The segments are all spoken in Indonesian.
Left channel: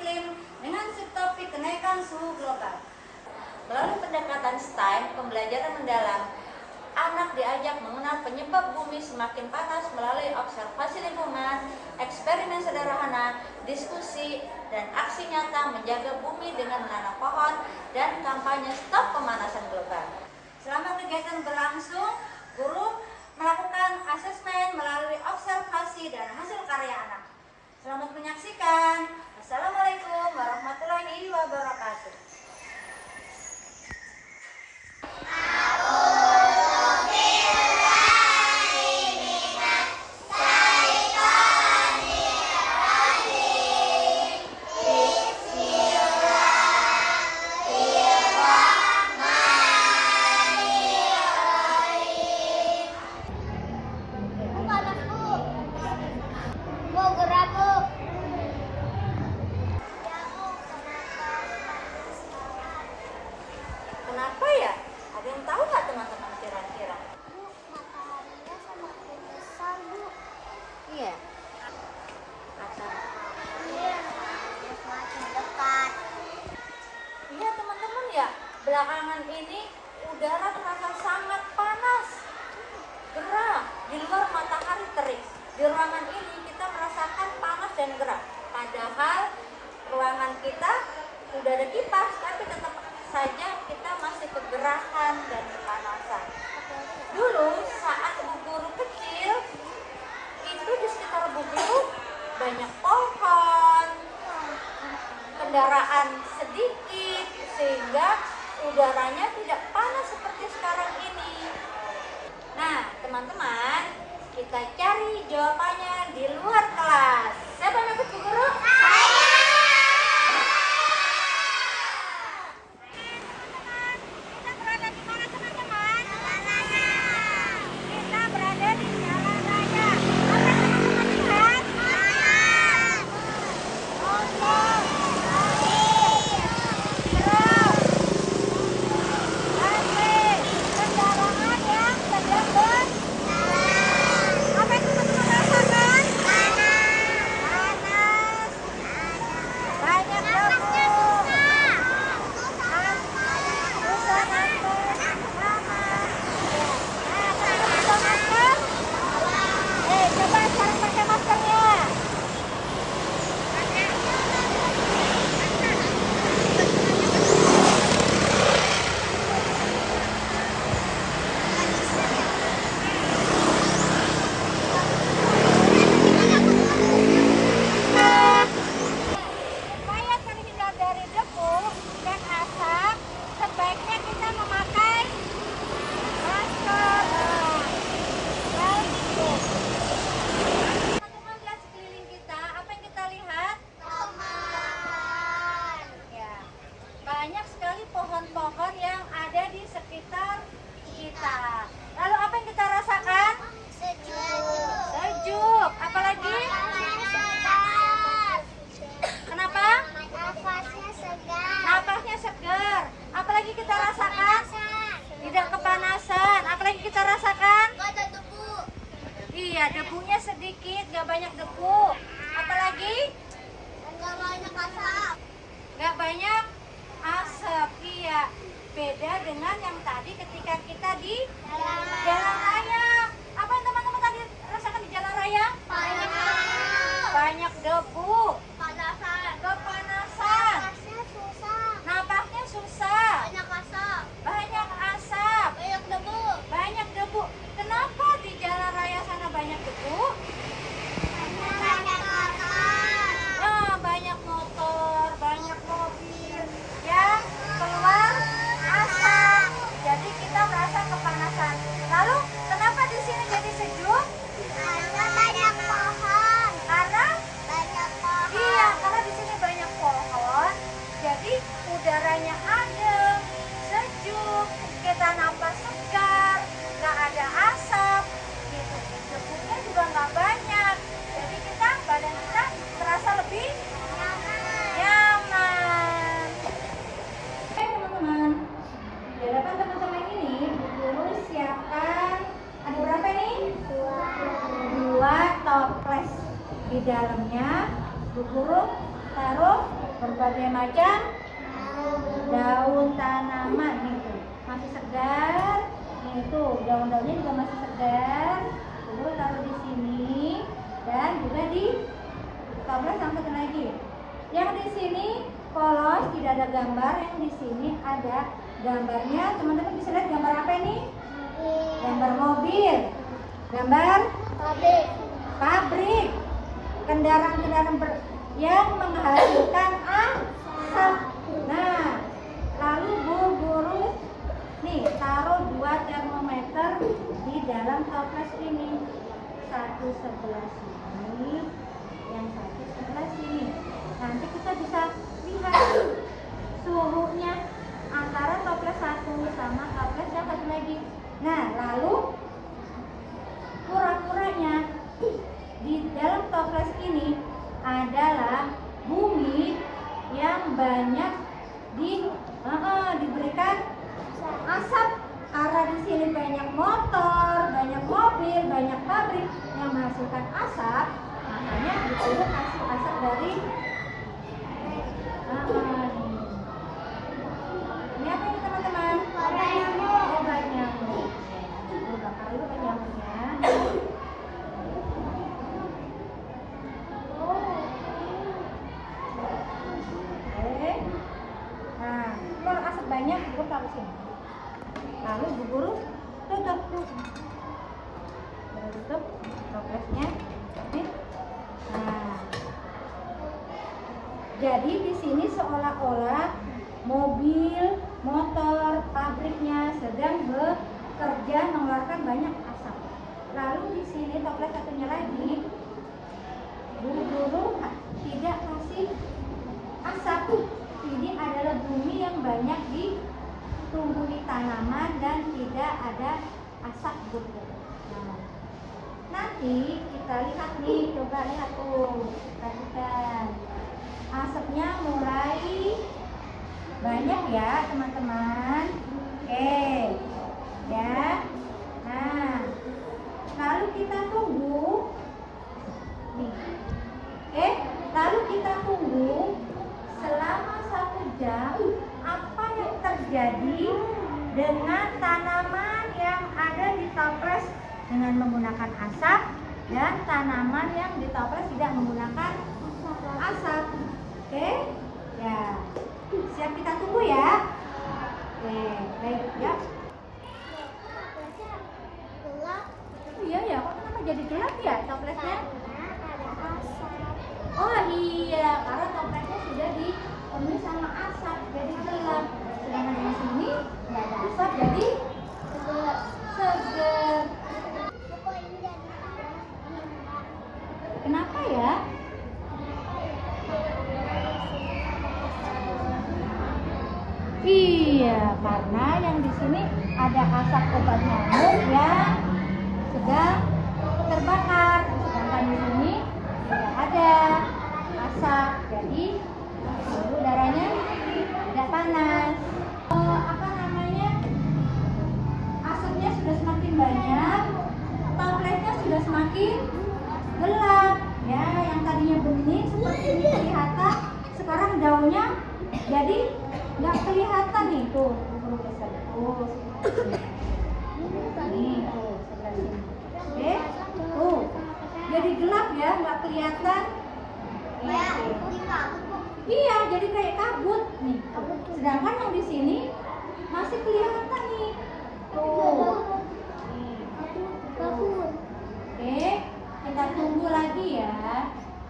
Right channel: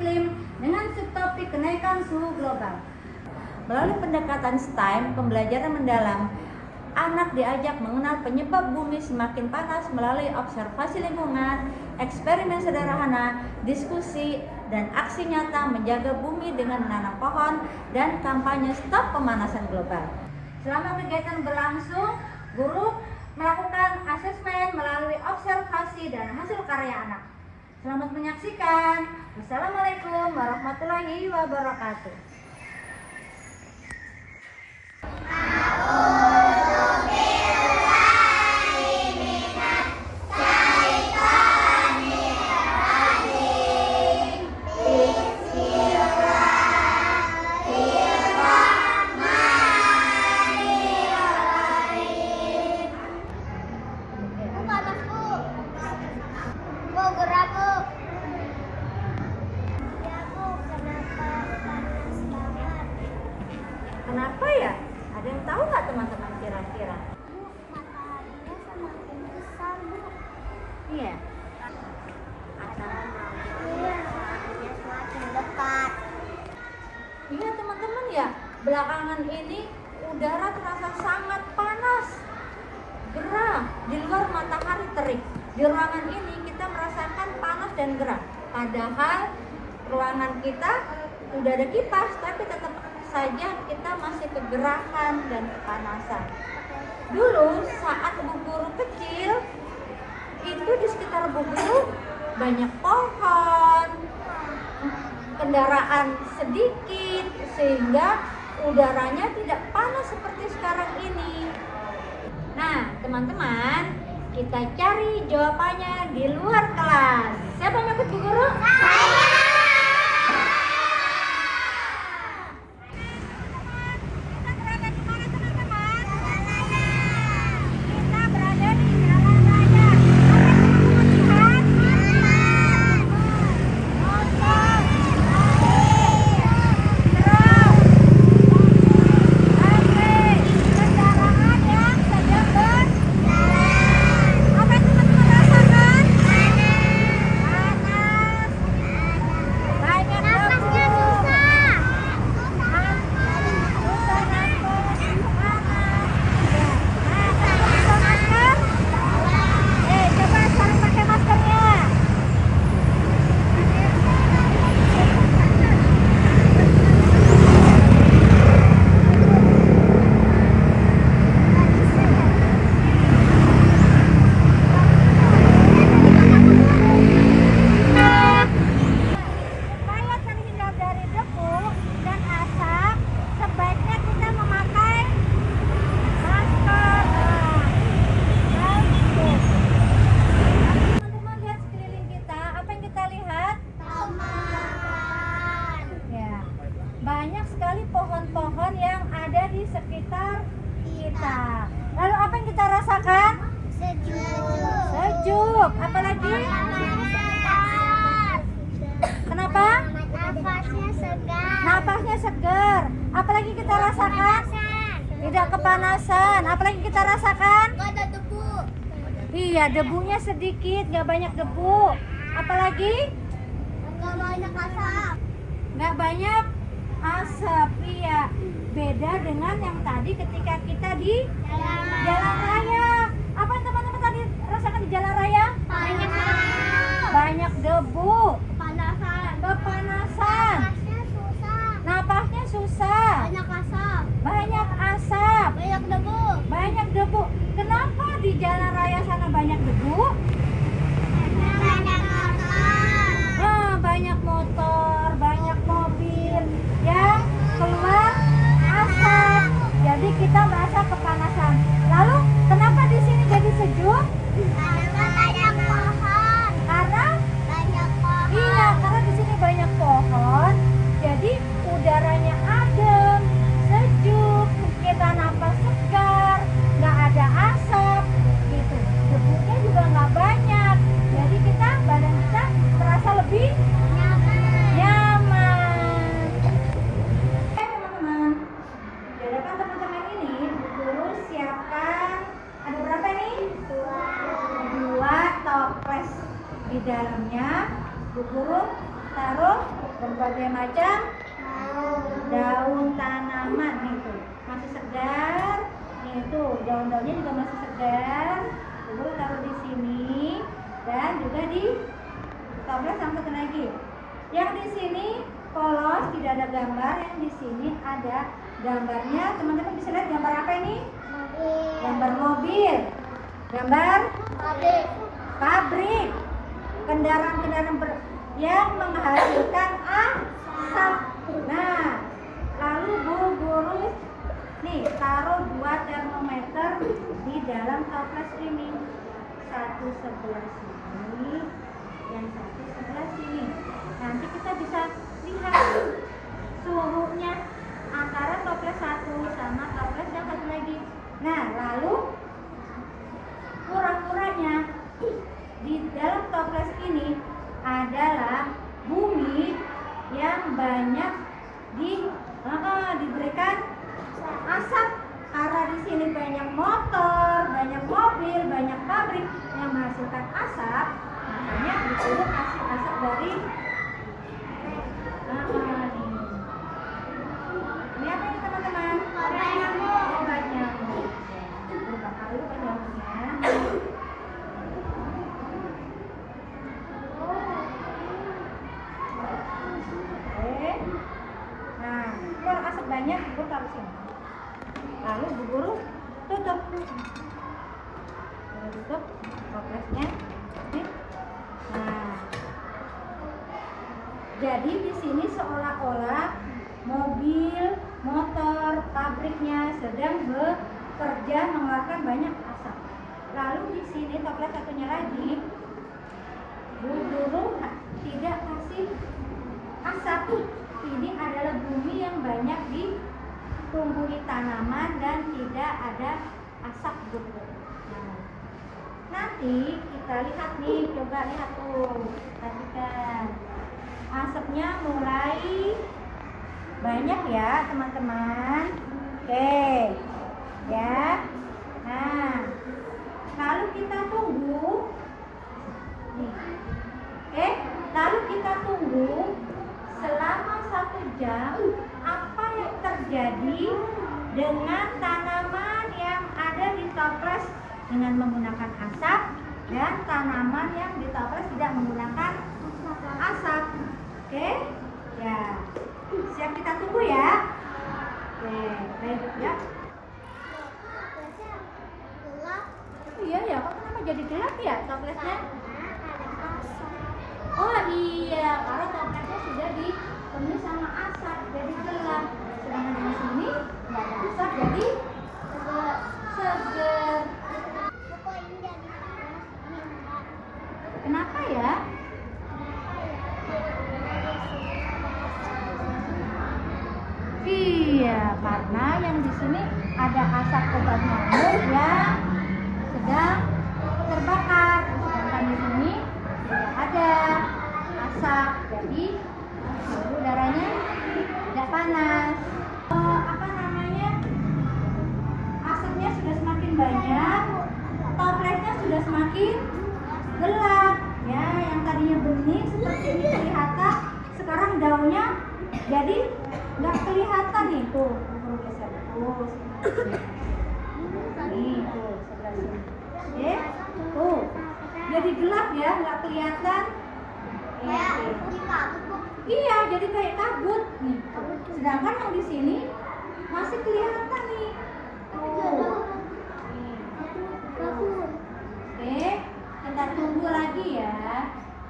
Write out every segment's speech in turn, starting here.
iklim dengan subtopik kenaikan suhu global. Melalui pendekatan STEM, pembelajaran mendalam, anak diajak mengenal penyebab bumi semakin panas melalui observasi lingkungan, eksperimen sederhana, diskusi, dan aksi nyata menjaga bumi dengan menanam pohon dan kampanye stop pemanasan global. Selama kegiatan berlangsung, guru melakukan asesmen melalui observasi dan hasil karya anak. Selamat menyaksikan. Wassalamualaikum warahmatullahi wabarakatuh. Kenapa ya? Ada yang tahu nggak teman-teman kira-kira? Semakin besar, Bu. Iya. Iya, semakin dekat. Iya teman-teman ya, belakangan ini udara terasa sangat panas, gerah, di luar matahari terik. Di ruangan ini kita merasakan panas dan gerah. Padahal ruangan kita udah ada kipas, tapi tetap saja kita masih kegerahan dan kepanasan. Dulu saat Bu Guru kecil, itu di sekitar Bu Guru banyak pohon, kendaraan sedikit, sehingga udaranya tidak panas seperti sekarang ini. Nah, teman-teman, kita cari jawabannya di luar kelas. Siapa yang ikut Bu Guru? Banyak sekali pohon-pohon yang ada di sekitar kita. Lalu apa yang kita rasakan? Sejuk. Sejuk. Apalagi? Kenapa? Nafasnya segar. Napasnya segar. Apalagi kita rasakan? Tidak kepanasan. Apalagi kita rasakan? Gak ada debu. Iya, debunya sedikit, gak banyak debu. Apalagi? Gak banyak asap. Gak banyak asap. Iya, beda dengan yang tadi ketika kita di jalan raya. Apa yang teman-teman tadi rasakan di jalan raya? Banyak asap. Banyak debu, Panasan. kepanasan, Napasnya susah. napasnya susah, Banyak asap. banyak asap, Banyak debu. banyak debu. Kenapa di jalan raya sana banyak debu? Banyak asap. Nah, banyak motor, banyak mobil yang keluar asap. Jadi kita merasa kepanasan. Lalu kenapa di sini jadi sejuk? Karena banyak pohon. Karena Banyak pohon. iya, karena di sini banyak pohon. Jadi udaranya adem, sejuk, kita napas segar, nggak ada asap, gitu. Debunya juga nggak banyak. Jadi badan kita terasa lebih nyaman. Oke teman-teman, di hadapan teman-teman ini guru siapkan ada berapa nih? Dua toples. Di dalamnya Bu Guru taruh berbagai macam daun tanaman nih tuh masih segar. Nih tuh daun-daunnya juga masih segar. Lalu taruh di sini dan juga di toples yang satu lagi. Yang di sini polos tidak ada gambar, yang di sini ada gambarnya. Teman-teman bisa lihat gambar apa ini? Gambar mobil, gambar pabrik, kendaraan-kendaraan yang menghasilkan asap. Nah, lalu Bu Guru nih taruh 2 termometer di dalam toples ini. Satu sebelah sini, yang satu sebelah sini. Nanti kita bisa lihat suhunya antara toples satu sama toples yang satu lagi. Nah, lalu kura-kuranya di dalam toples ini adalah bumi yang banyak diberikan asap karena di sini banyak motor, banyak mobil, banyak pabrik yang menghasilkan asap, makanya disuruh kasih asap dari ini apa ini teman-teman? Obat nyamuk. Bakar dulu obat nyamuknya. Oke. Nah, keluar asap banyak, Bu taruh sini. Lalu Bu Guru tutup. Tutup toplesnya. Nah, jadi di sini seolah-olah mobil, motor, pabriknya sedang bekerja mengeluarkan banyak asap. Lalu di sini toples satunya lagi, Bu Guru tidak kasih asap. Ini adalah bumi yang banyak ditumbuhi tanaman dan tidak ada asap, Bu Guru. Nah, nanti kita lihat nih, coba lihat tuh, perhatikan. Asapnya mulai banyak ya teman-teman. Oke ya. Nah, lalu kita tunggu nih. Lalu kita tunggu selama 1 jam. Apa yang terjadi dengan tanaman yang ada di toples dengan menggunakan asap dan tanaman yang di toples tidak menggunakan asap. Oke ya, siap, kita tunggu ya. Oke, baik ya. Iya ya, kok kenapa jadi gelap ya toplesnya? Oh iya, karena toplesnya sudah dipenuhi sama asap jadi gelap. Sedangkan di sini nggak ada asap jadi seger. Kenapa ya? Iya, karena yang di sini ada asap obat nyamuk yang sedang terbakar. Sedangkan di sini tidak ada asap, jadi udaranya tidak panas. Apa namanya? Asapnya sudah semakin banyak, toplesnya sudah semakin gelap. Ya, yang tadinya bening seperti ini kelihatan, sekarang daunnya jadi nggak kelihatan nih tuh. Nih tuh sebelah sini. Oke, tuh jadi gelap ya, nggak kelihatan. Iya, jadi kayak kabut nih. Sedangkan yang di sini masih kelihatan nih. Tuh. Oke, kita tunggu lagi ya.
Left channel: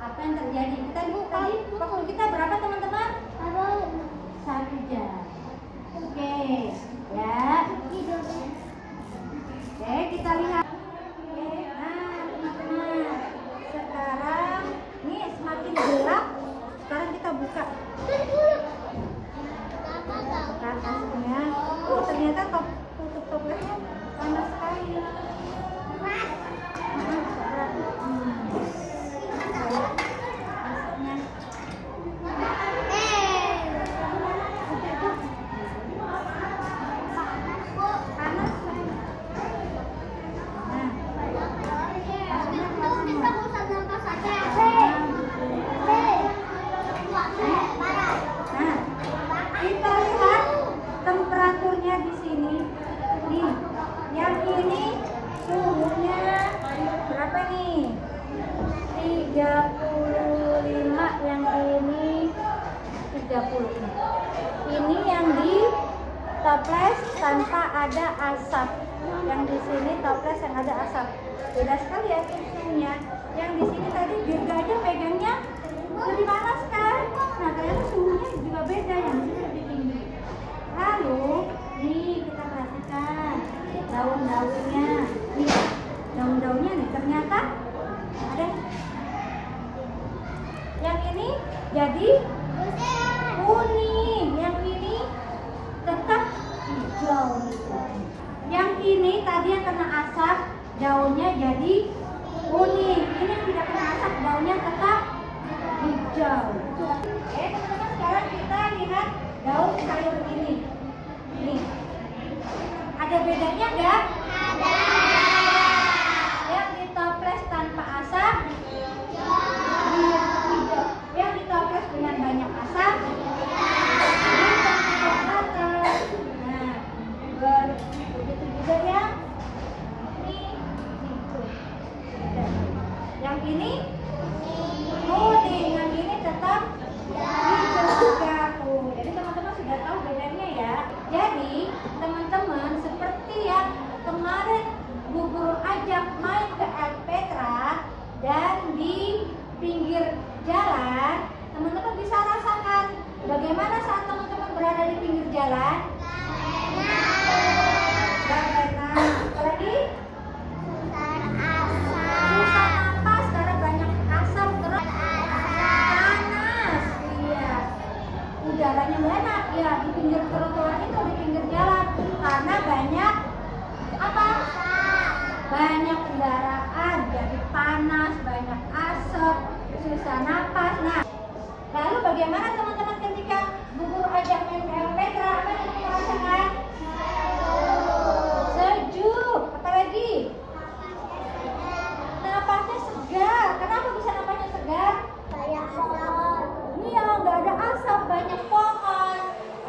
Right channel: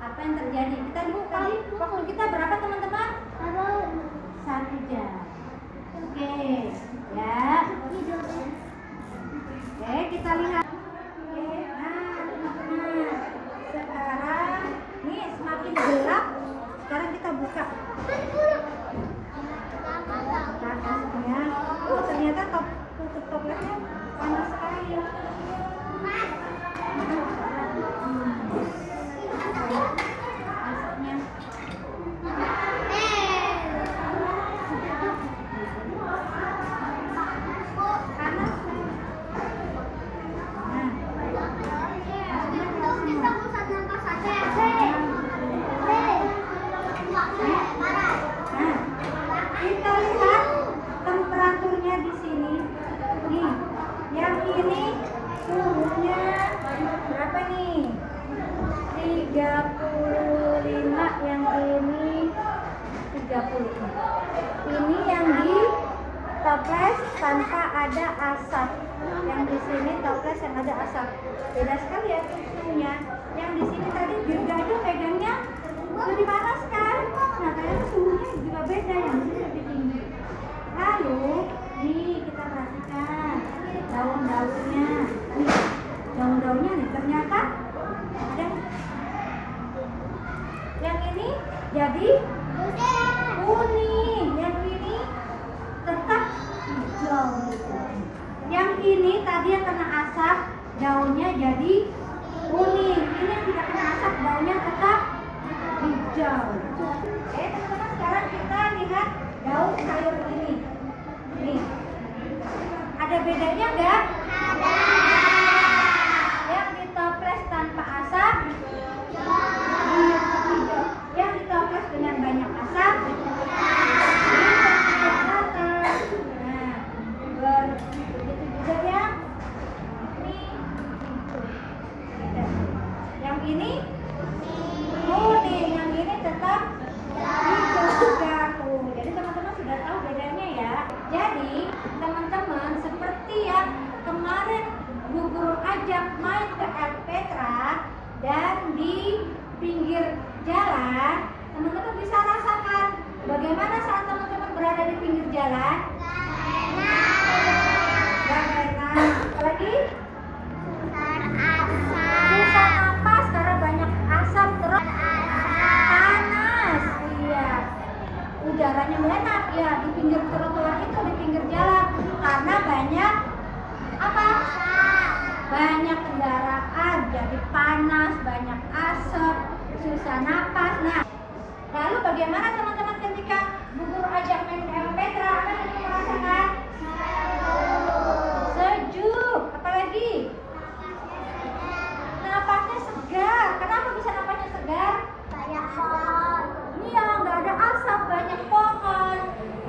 Apa yang terjadi? Kita lihat tadi waktu kita berapa teman-teman? 1 jam. Oke, ya. Oke, kita lihat. Oke, nah, sekarang nih semakin gelap. Sekarang kita buka. Buka asapnya. Ternyata tutup toplesnya panas sekali. Asapnya. toples tanpa ada asap. Yang di sini toples yang ada asap. Beda sekali ya suhunya. Yang di sini tadi Dirga aja pegangnya lebih panas kan? Nah, ternyata suhunya juga beda. Yang di sini lebih tinggi. Lalu, nih kita perhatikan daun-daunnya. Nih, daun-daunnya nih ternyata ada. Yang ini jadi kuning, yang ini tetap hijau. Yang ini tadi yang kena asap, daunnya jadi kuning. Ini yang tidak kena asap, daunnya tetap hijau. Oke teman-teman, sekarang kita lihat daun sayur ini. Nih, ada bedanya nggak? Yang di toples tanpa asap hijau, yang di toples dengan banyak asap begitu juga yang ini kuning, yang ini tetap hijau juga tuh. Jadi teman-teman sudah tahu bedanya ya. Jadi teman-teman seperti yang kemarin Bu Guru ajak main ke El Petra dan di pinggir jalan, teman-teman bisa rasakan bagaimana saat teman-teman berada di pinggir jalan. Apalagi susah napas karena banyak asap, terus panas. Iya, udaranya enak ya di pinggir trotoar itu, di pinggir jalan, karena banyak apa? Banyak kendaraan, jadi panas, banyak asap, susah napas. Nah, lalu bagaimana teman-teman ketika Bu Guru ajak main ke El Petra, apa yang teman-teman rasakan? Sejuk. Apa lagi? Napasnya segar. Kenapa bisa napasnya segar? Iya, nggak ada asap, banyak pohon.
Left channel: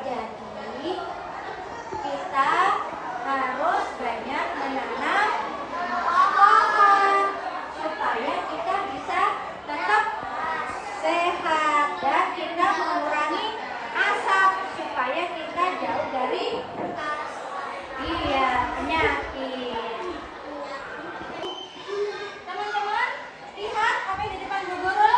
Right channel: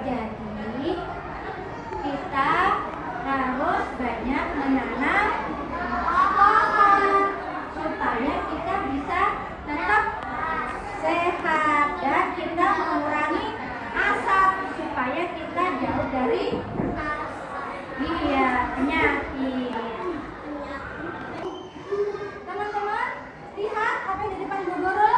Jadi kita harus banyak menanam pohon supaya kita bisa tetap sehat dan kita mengurangi asap supaya kita jauh dari penyakit. Teman-teman, lihat apa yang di depan Bu Guru.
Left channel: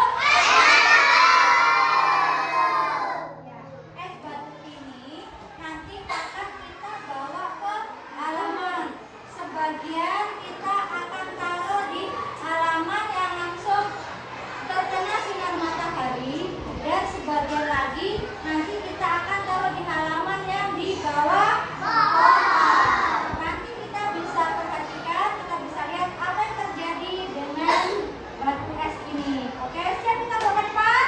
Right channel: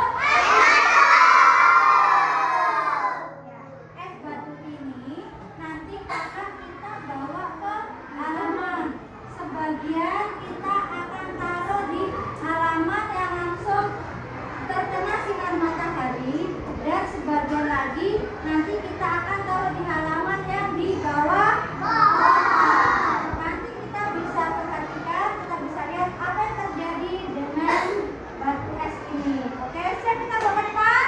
Es batu ini nanti akan kita bawa ke halaman. Sebagian kita akan taruh di halaman yang langsung terkena sinar matahari, dan sebagian lagi nanti kita akan taruh di halaman yang di bawah. Nanti kita bisa perhatikan, kita bisa lihat apa yang terjadi dengan batu es ini. Oke, siap kita bawa ke depan?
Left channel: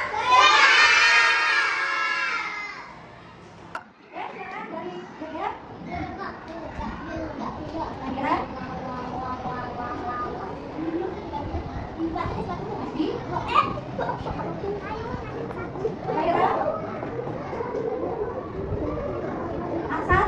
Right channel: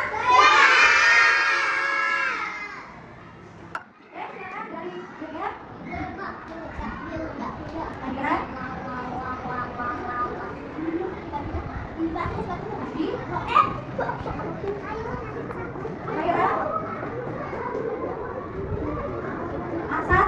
Ya, sekarang dari Dea. Akhirnya Asap.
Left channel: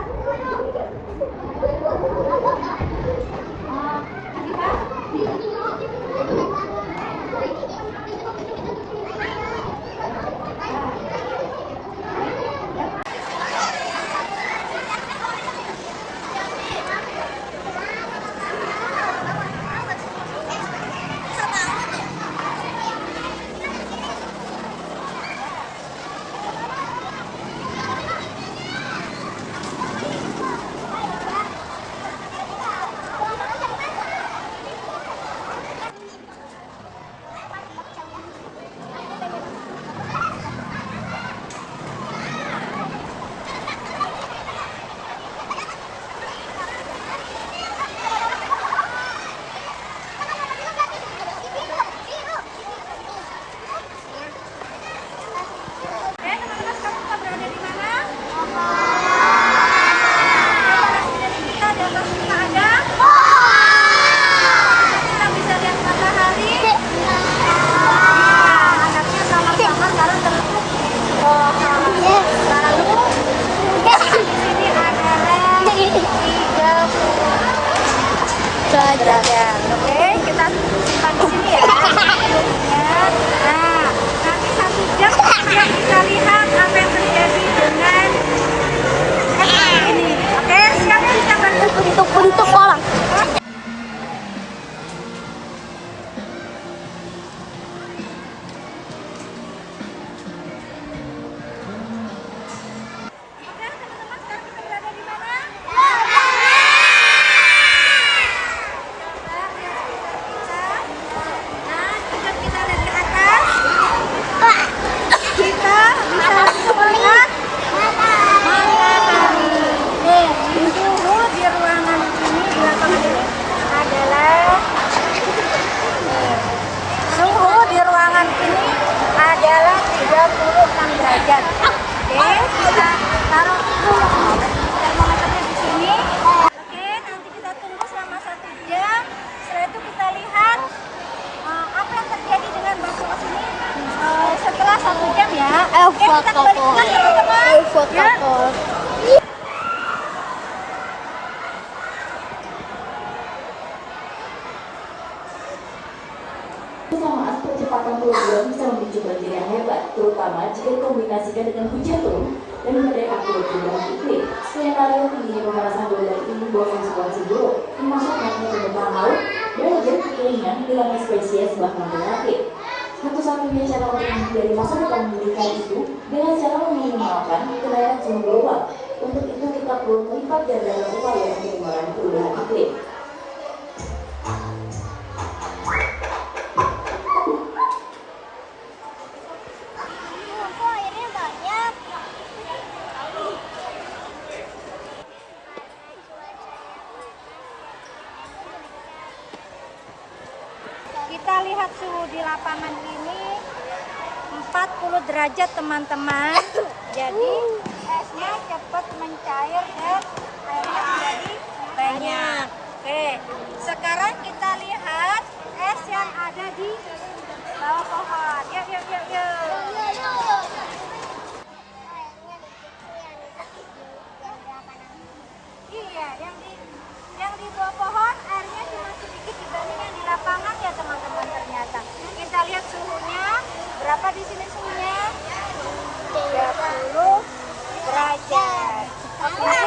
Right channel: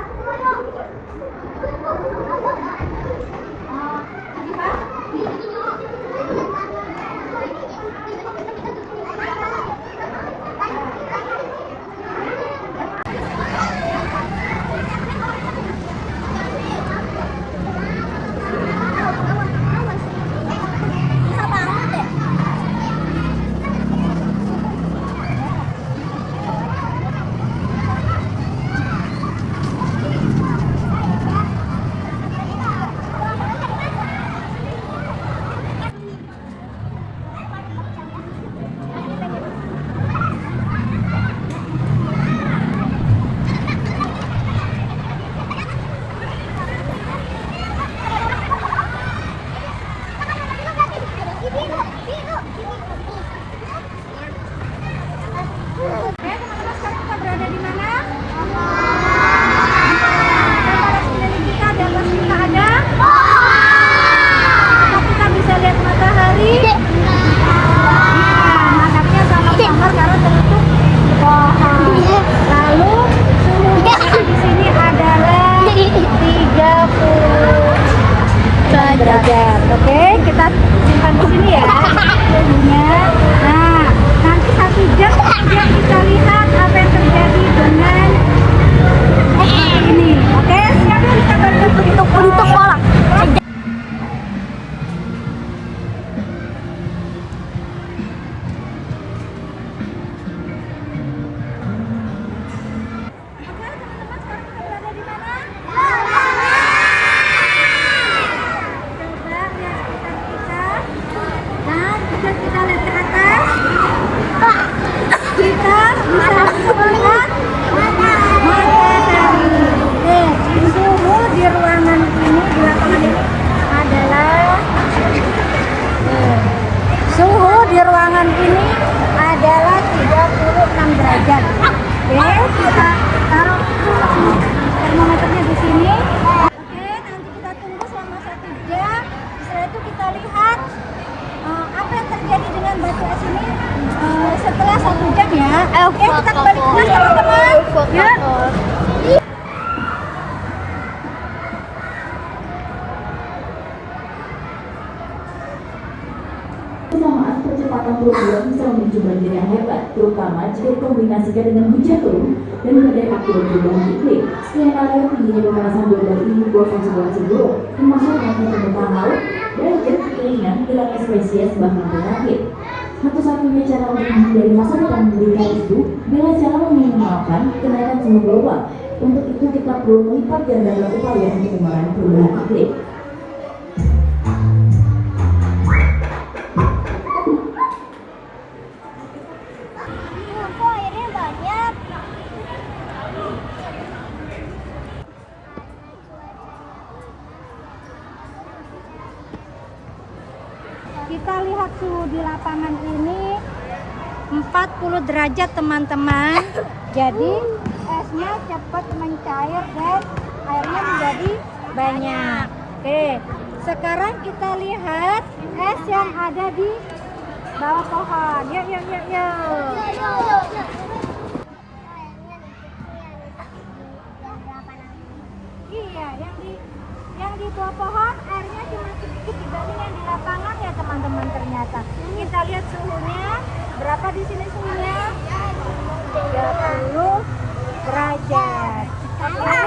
Teman-teman, sekarang kita berada di mana? Antara sekeliling kita di atas kita ada. Kita bisa lihat matahari. Mataharinya samar-samar karena tertutup pohon. Lalu suhunya di sini adalah 30 derajat. Oke, kita simpan di sini ya suhunya. Nah, nanti 1 jam kemudian kita lihat apa yang terjadi dengan es batu ini. derajat. Oke, kita taruh termometernya di sini. Oke, nanti kita tunggu selama 1 jam. Setelah itu kita lihat apa yang terjadi dengan batu es ini setelah 1 jam ya. Oke, kita kembali ke kelas teman-teman. Ya. Kesamaan percepatan perubahan bisa memicu banjir yang hebat, terutama jika dikombinasikan dengan hujan turun dan badai akibat perubahan iklim. Skenario tinggi luasan beberapa ini konsentrasi buruk, termasuk dengan permukaan laut, derajat kekeringan dengan spesies bahkan penyakit. Satu-satunya cara untuk menghindari masa depan mengerikan itu dengan cara meminimalkan kenaikan suhu global. Untuk itu kita perlu melipat gandakan upaya untuk mengurangi perubahan iklim. Kok airnya banyak? Kita lihat suhu di lapangan ini 40 derajat teman-teman. Jadi esnya cepat mencair dan airnya menjadi banyak. Oke, sekarang kita lihat es yang ada di bawah pohon. Yuk, yuk, yuk, yuk. Iya, yang di bawah pohon airnya cuma sedikit dibanding yang di lapangan ya teman-teman ternyata. Kita lihat suhunya, berapa di sini suhunya? 30 derajat. Oke,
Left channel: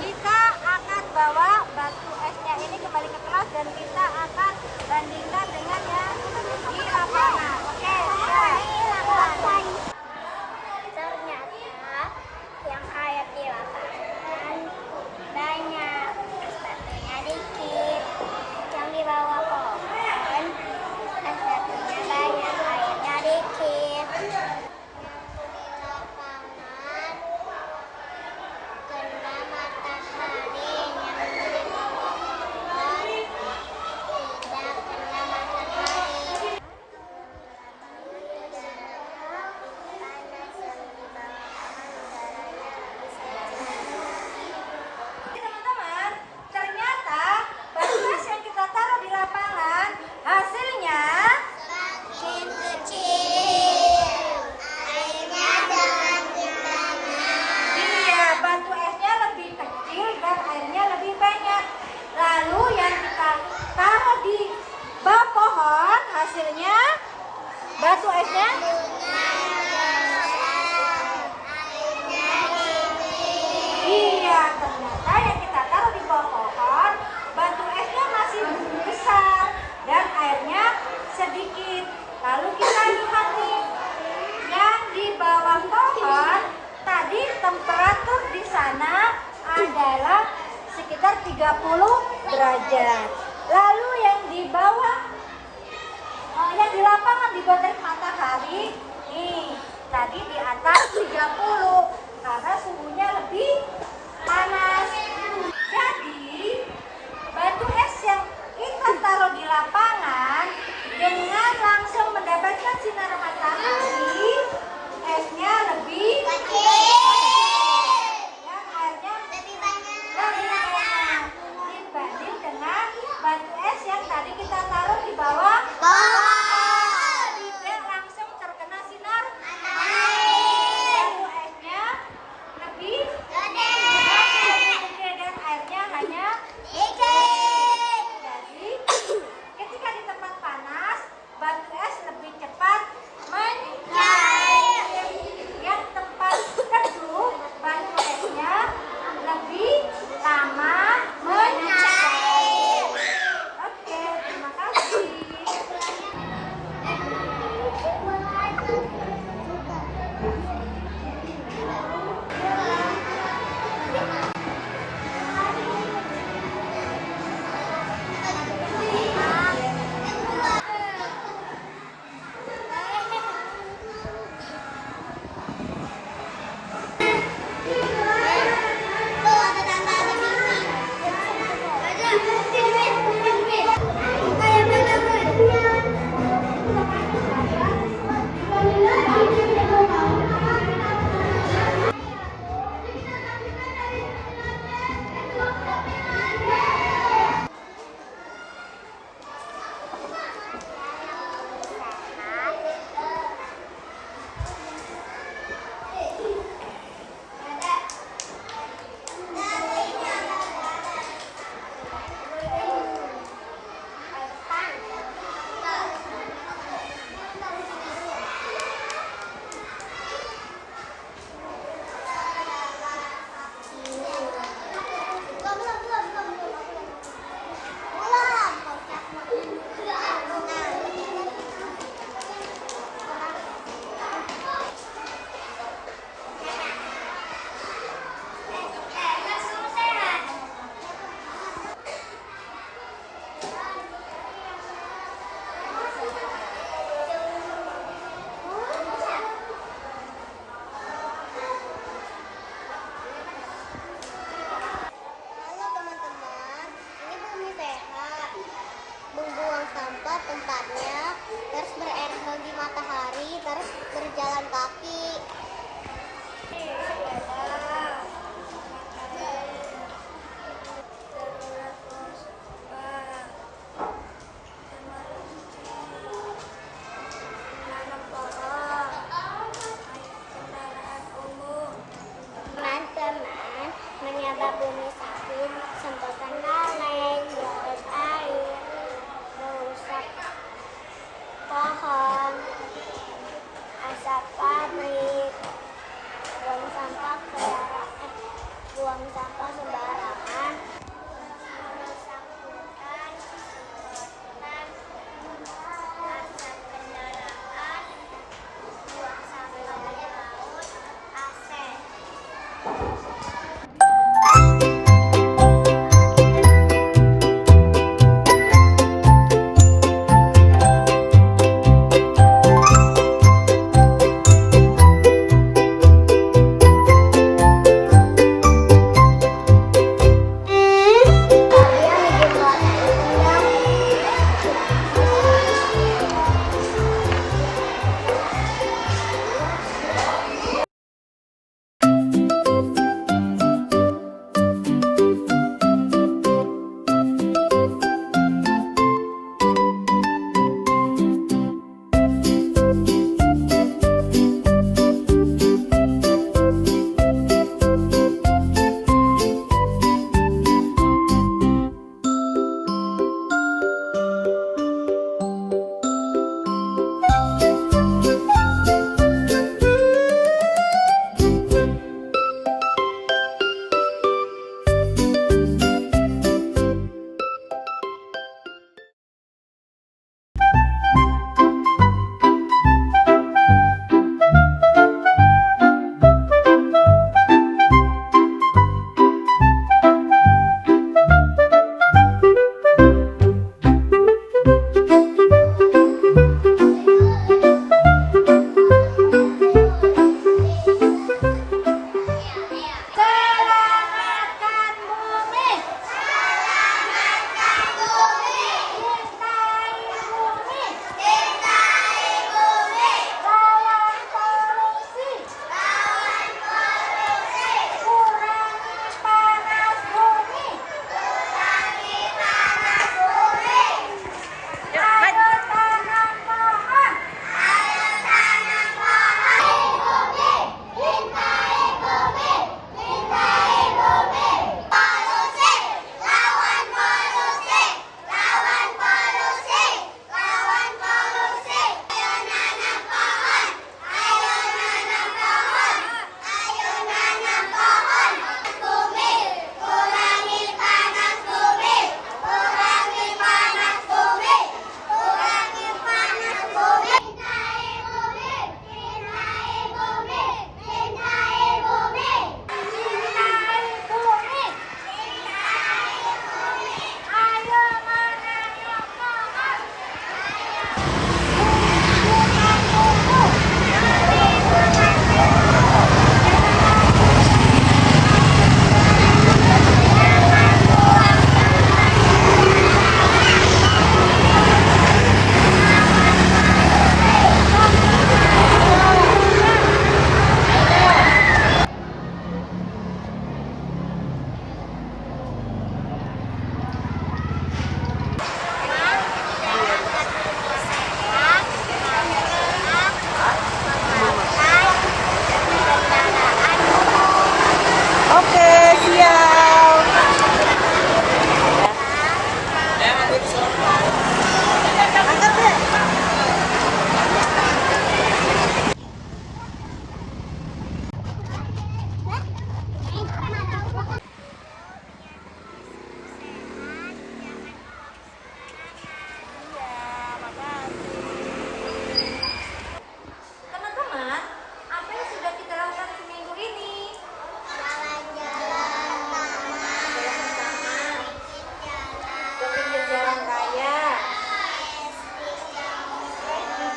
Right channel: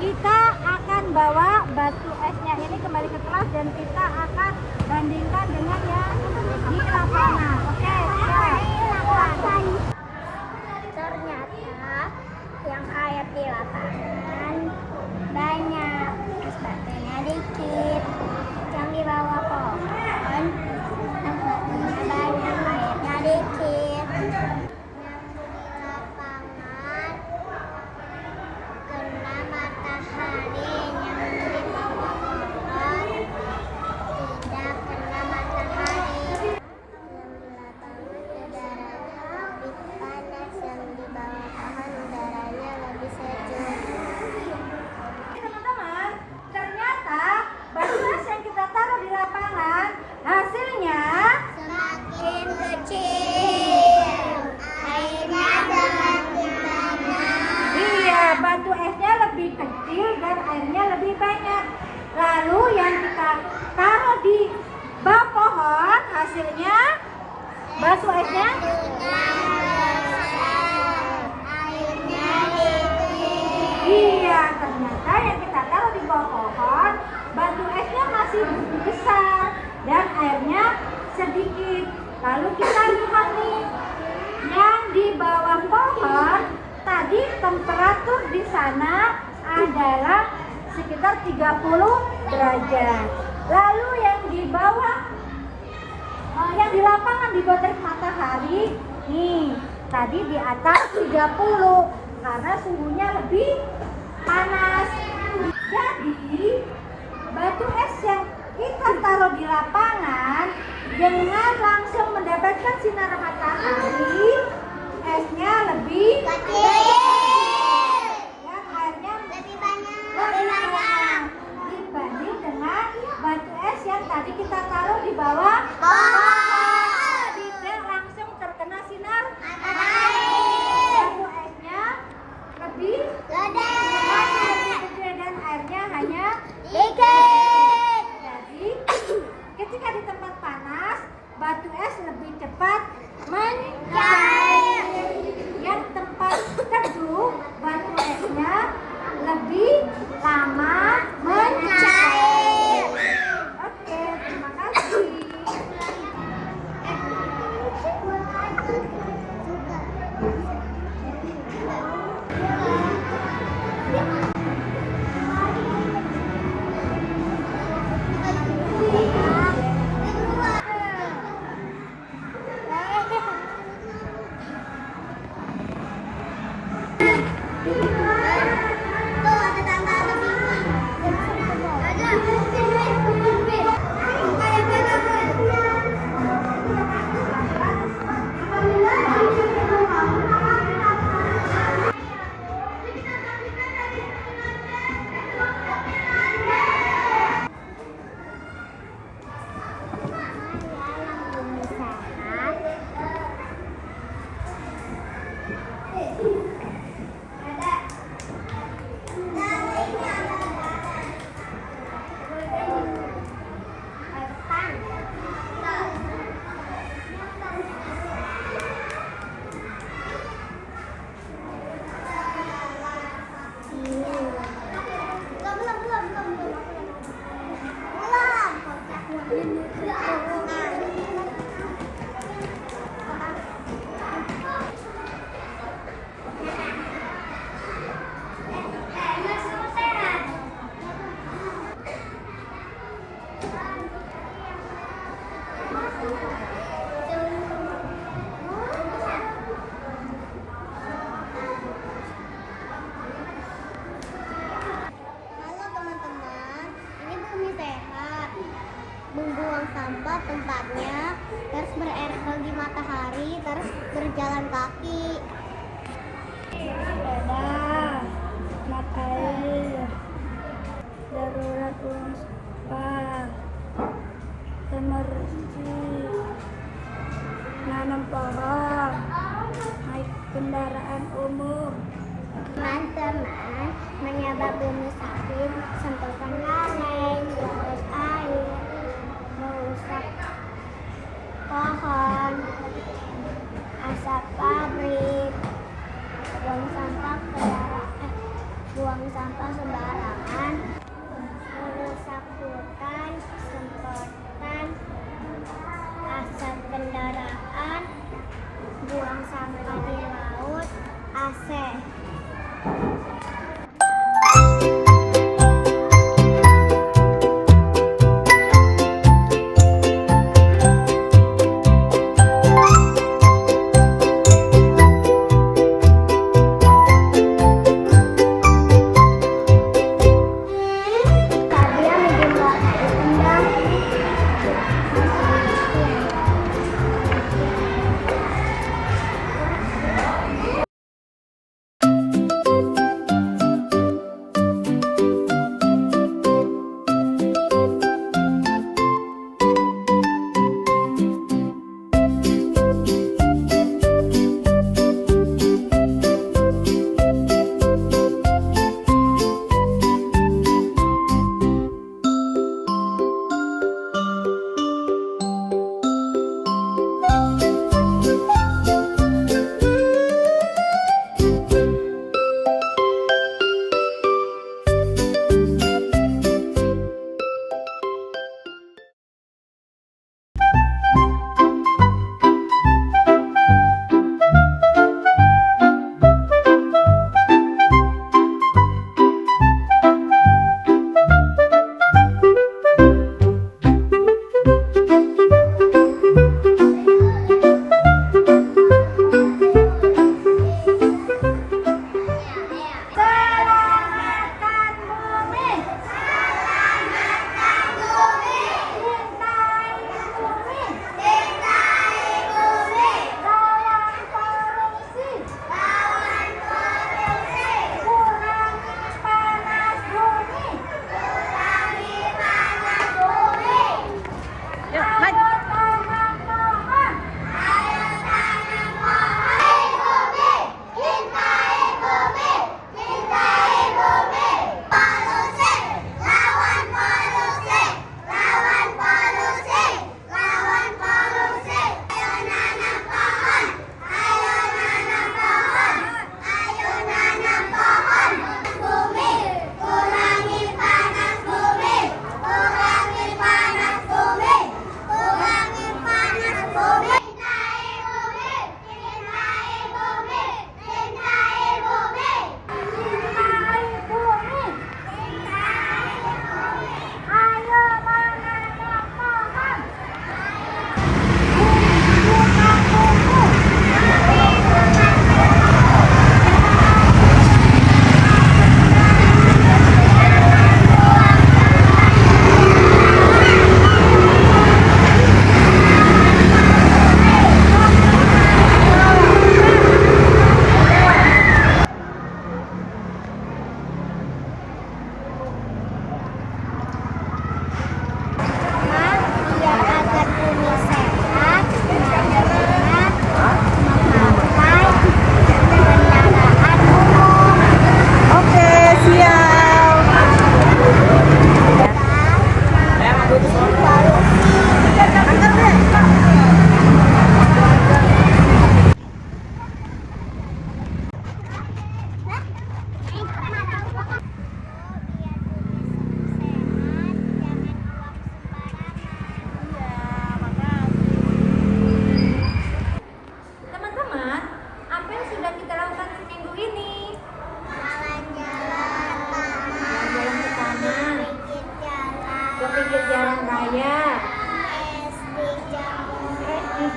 kita akan bawa batu esnya ini kembali ke kelas dan kita akan bandingkan dengan yang di lapangan. Oke, siap. Ternyata yang air di lapangan banyak, es batunya dikit. Yang di bawah pohon es batunya banyak, airnya dikit. Yang di lapangan kena matahari, yang di bawah pohon tidak kena matahari. Yang di lapangan udaranya lebih panas, yang di bawah pohon udaranya lebih sejuk. Teman-teman, ternyata batu es yang kita taruh di lapangan hasilnya Semakin kecil, airnya semakin banyak. iya, batu esnya lebih kecil dan airnya lebih banyak. Lalu yang kita taruh di bawah pohon hasilnya batu esnya iya, ternyata yang kita taruh di bawah pohon batu esnya masih besar dan airnya sedikit. Lalu kita lihat nih, yang di bawah pohon tadi temperatur di sana adalah sekitar 30 derajat. Lalu yang di bawah yang di lapangan di bawah terik matahari nih tadi di atas 30 karena suhunya lebih panas. Jadi batu es yang kita taruh di lapangan dengan langsung mendapatkan sinar matahari, esnya lebih dan airnya lebih banyak dibanding dengan batu es yang tadi kita taruh di bawah pohon. Tidak langsung terkena sinar matahari. Batu esnya lebih gede dan airnya hanya Dikit. jadi ketika di tempat panas batu es lebih cepat mencair. jalan kaki. Sepeda, naik air, darurat uang sekolah, emergency, nanam pohon, naik kendaraan umum. Teman-teman menyebab bumi sakit, semprotan laleng, semprot air, merusak pohon, asap pabrik, buang sampah sembarangan, merusak hutan, semprotan asap kendaraan, buang sampah di laut, AC.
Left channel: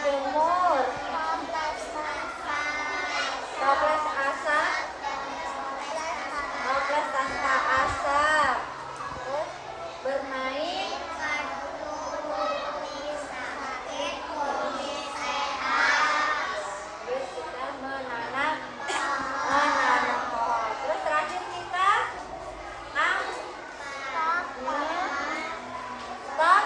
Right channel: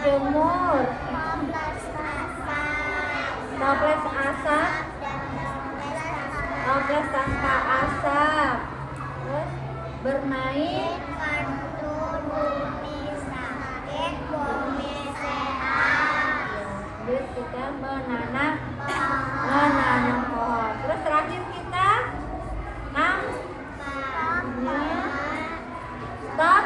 Jemur, toples asap, toples tanpa asap, terus bermain gitu. kita menanam pohon. Terus terakhir kita stop.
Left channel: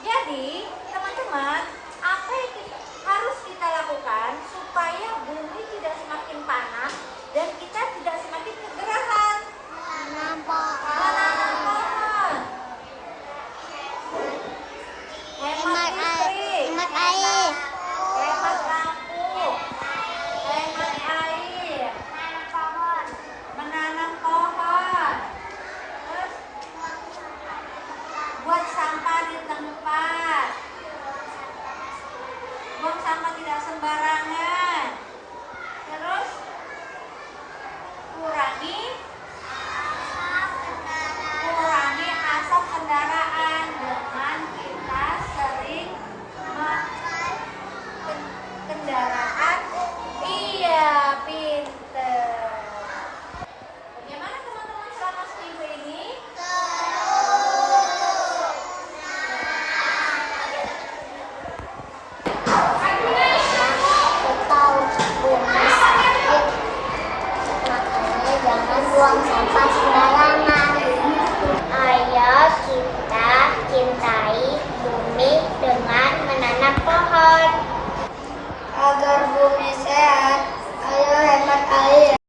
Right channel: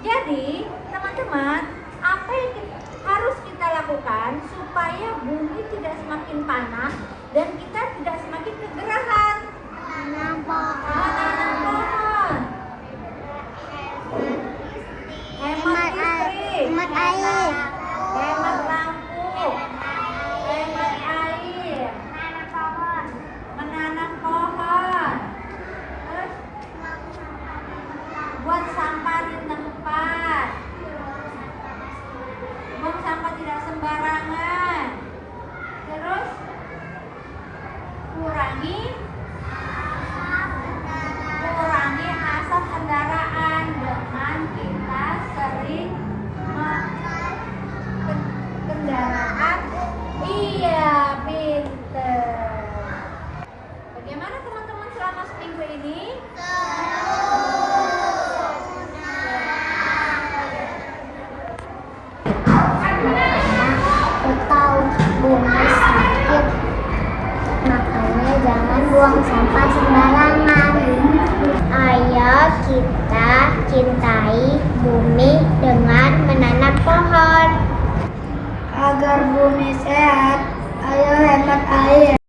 Jadi teman-teman, apa yang harus kita lakukan supaya bumi tidak semakin panas dan kita tidak semakin kegerasan? Menanam pohon. Hemat listrik, Hemat air. hemat lampu, hemat air, menanam pohon. Terus buat sampah di tempat, buang sampah tidak sembarangan. Terus kurangi asap kendaraan dengan kita sering kendaraan. Iya, pinter. Bagaimana teman-teman selama seminggu ini? Tahu bumi sakit, makanya jangan buang sampah sembarangan. Ayo kita cintai bumi dengan menanam pohon agar bumi sehat.